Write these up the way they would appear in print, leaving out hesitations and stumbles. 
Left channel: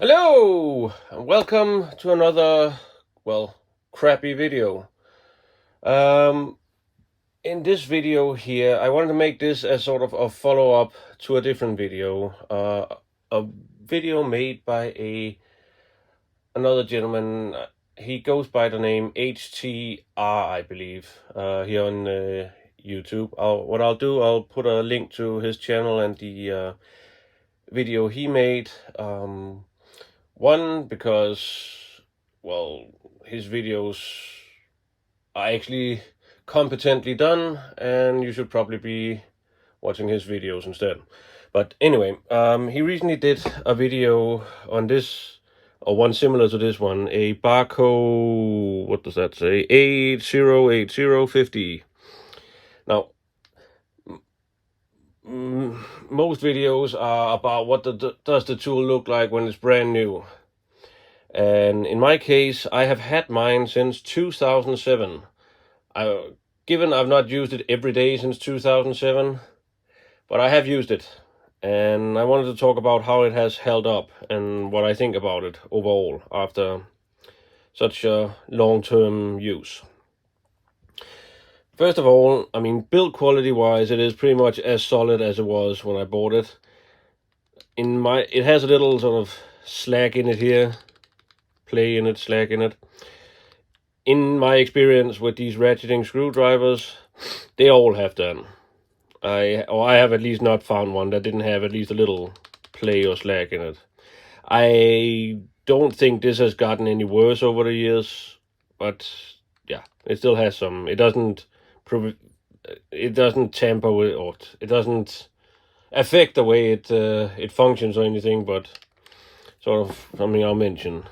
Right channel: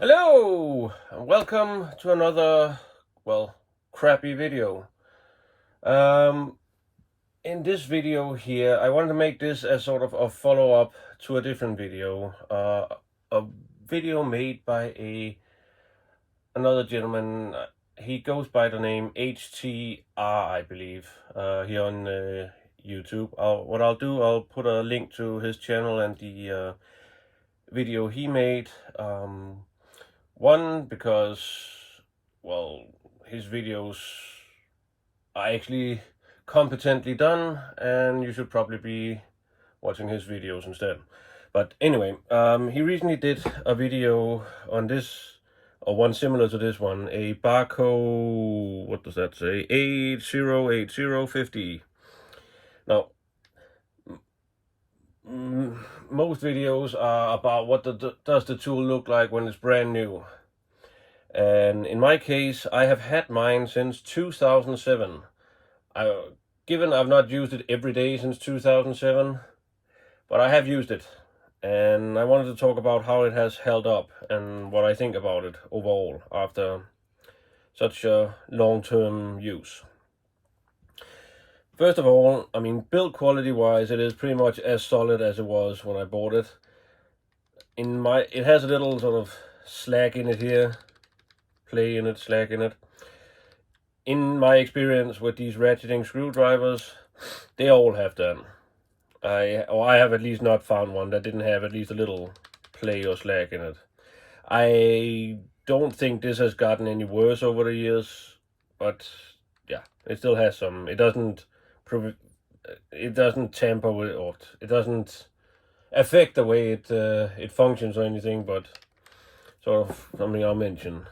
Hello, and welcome to another, crappy video. Um, in this video here, I wanted to make this as sort of a follow-up to a different video. A video made by another gentleman. He goes by the name HTR, I believe, here on YouTube. What I'll do, I'll put a link to his channel and the video he made. One, because, well, his videos are actually competently done, and you should probably be watching his videos instead. But anyway, he recently did a video on this, or one similar to this one, a Bacho, what does that say, 808050. Now, most videos are about what does the tool look like when it's brand new. And in my case, I have had mine since 2007. Given I've not used it every day since 2007, but I have used it. And I wanted to talk about how it has held up and what I think about it overall after such a long-term use. First of all, I mean, build quality wise, it is pretty much as solid as it was when I bought it. It has a little sort of slack in it here, play in it, slack in it. In my experience with these ratcheting screwdrivers, they all have that. I have at least not found one that didn't have at least a little play or slack in it. I don't think this has gotten any worse over the years, but yeah, it still has some. It doesn't tamper with, or it doesn't affect the way it functions or anything, but sort of something I'll mention.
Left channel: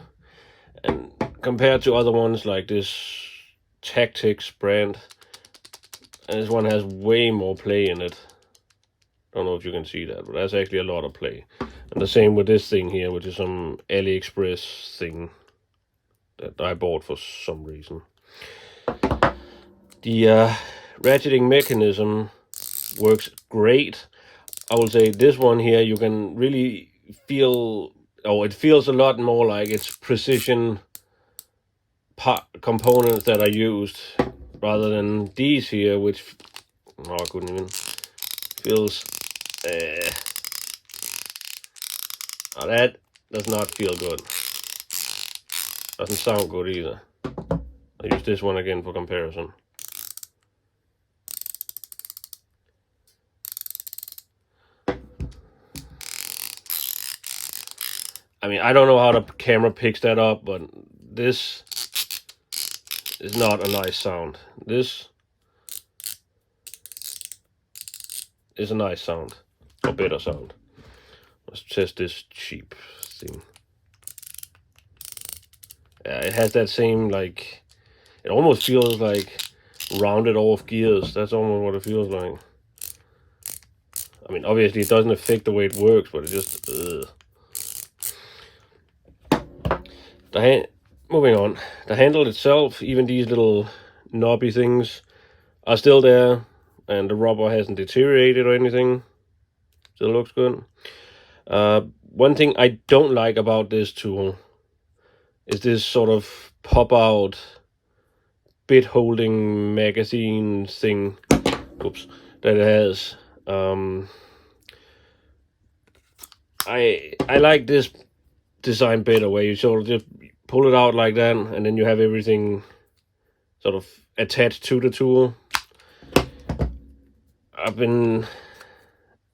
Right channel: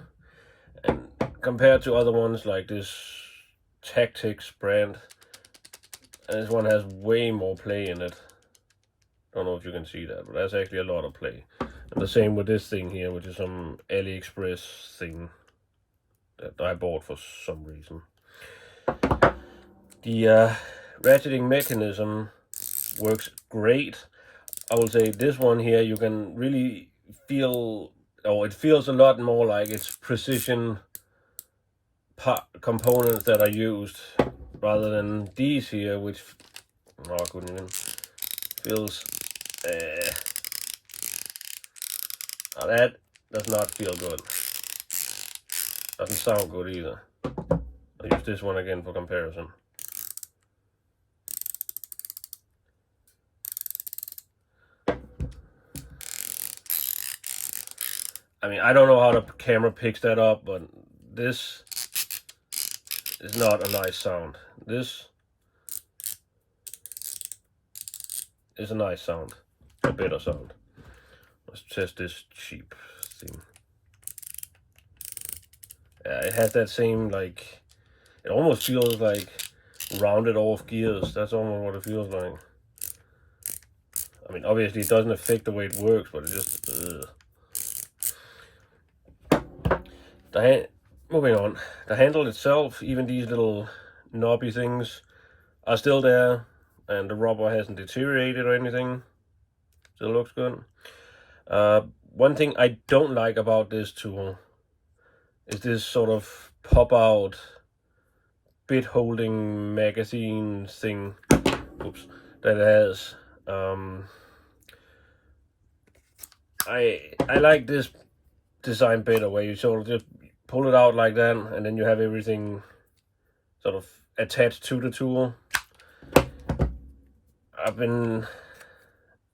And compared to other ones like this Tactics brand, this one has way more play in it. Don't know if you can see that, but that's actually a lot of play. And the same with this thing here, which is some AliExpress thing that I bought for some reason. The ratcheting mechanism works great. I will say this one here, you can really feel, it feels a lot more like it's precision components that are used rather than these here, which I couldn't even feels that does not feel good. Doesn't sound good either. I'll use this one again for comparison. I mean, I don't know how the camera picks that up, but this is not a nice sound. This is a nice sound, a better sound. Let's test this cheap thing. Yeah, it has that same, like, it almost feels like rounded off gears. That's almost what it feels like. I mean, obviously it doesn't affect the way it works, but it just, moving on, the handle itself, even these little knobby things are still there, and the rubber hasn't deteriorated or anything. Still looks good. One thing I don't like about this tool is this sort of pop-out bit holding magazine thing. Oops, that it has. I like this design better, where you sort of just pull it out like that, and then you have everything sort of attached to the tool. I've been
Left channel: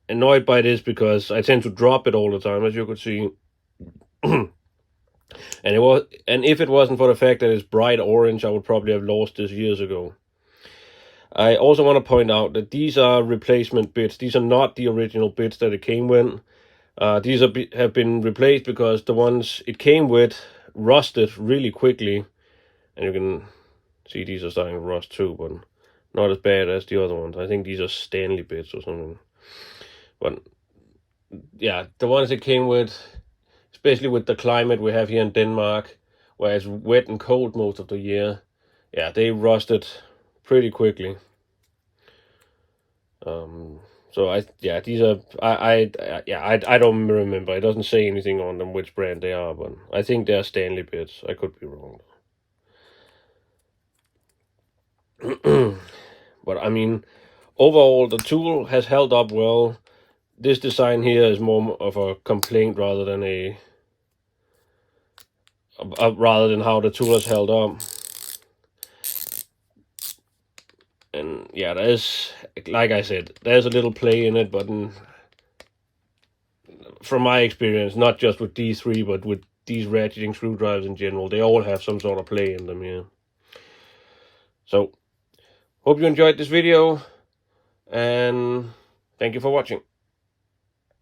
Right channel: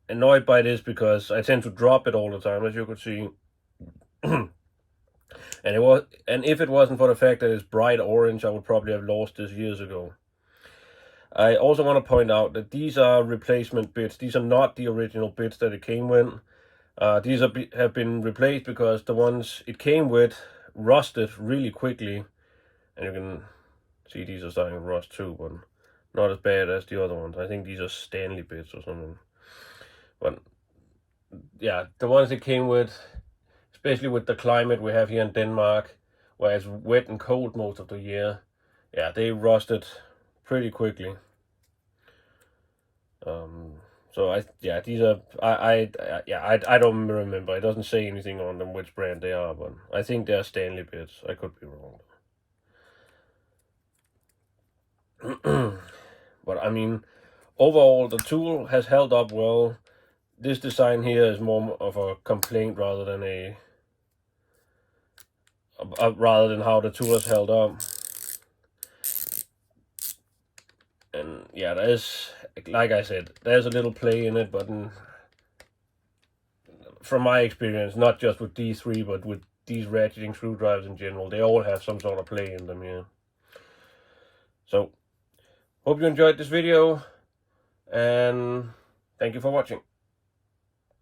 annoyed by this because I tend to drop it all the time, as you could see. and if it wasn't for the fact that it's bright orange, I would probably have lost this years ago. I also want to point out that these are replacement bits. These are not the original bits that it came with. These have been replaced because the ones it came with rusted really quickly, and you can see these are starting to rust too, but not as bad as the other ones. I think these are Stanley bits or something. But yeah, the ones it came with, especially with the climate we have here in Denmark, where it's wet and cold most of the year, yeah, they rusted pretty quickly. So yeah, these are I don't remember. It doesn't say anything on them which brand they are, but I think they're Stanley bits. I could be wrong. But I mean, overall the tool has held up well. This design here is more of a complaint rather than rather than how the tool has held up. And yeah, there's, like I said, there's a little play in it, but from my experience, not just with D3, but with these ratcheting screwdrivers in general, they all have some sort of play in them here. So, hope you enjoyed this video, and thank you for watching.